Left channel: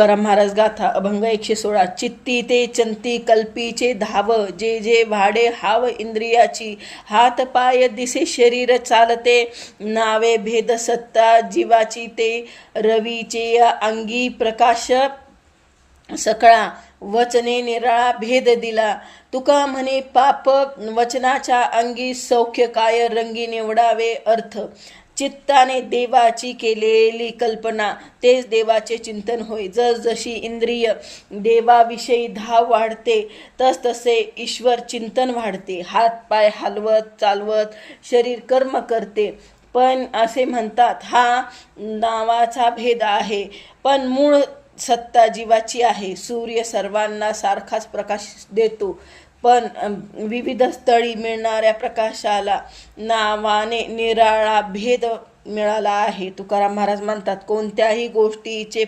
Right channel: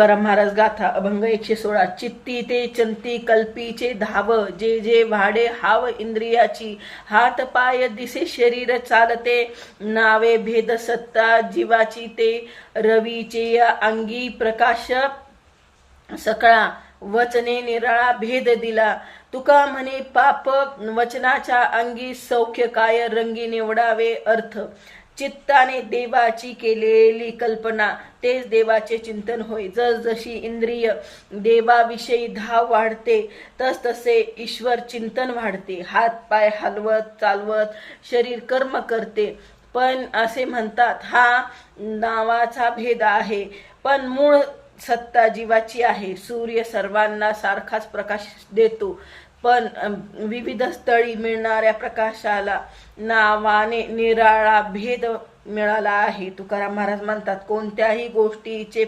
तुकाराम महाराज गाथा अभंग 116. चित्ती ते चंती कल्पीचे धाव, जे जे भाडे हाव इंद्रियाची. हात पाय दिसे शरीर चालते, नावे भेद सत्ता जीवाची. ते रवीचे अंगी प्रकाश सकळा, वचने निराळा भेद दिला. तुका म्हणे पाप वचनाच्या अंगी, सौख्य काय रंगी निवडावे अर्थ. चित्ताने देवाची केलेली कल्पना, तेच देवाचे चिंतन होय. जशी इंद्रिय देवाविषयी धाव वाढते, तसे ईश्वर चिंतन वाढते. हात पाय हलवत चालवत शरीर कर्म करते. पण असे म्हणतात हा नावाचा भेद आहे, पण मूळ सत्ता जीवाची आहे. सूर्य सर्वांना सारखाच प्रकाश देतो, पण विविध स्थळी मिळणाऱ्या प्रकाशाला नावाने निराळा भेद मिळाला आहे. तुकाराम महाराज म्हणतात कोणत्याही गोष्टीचे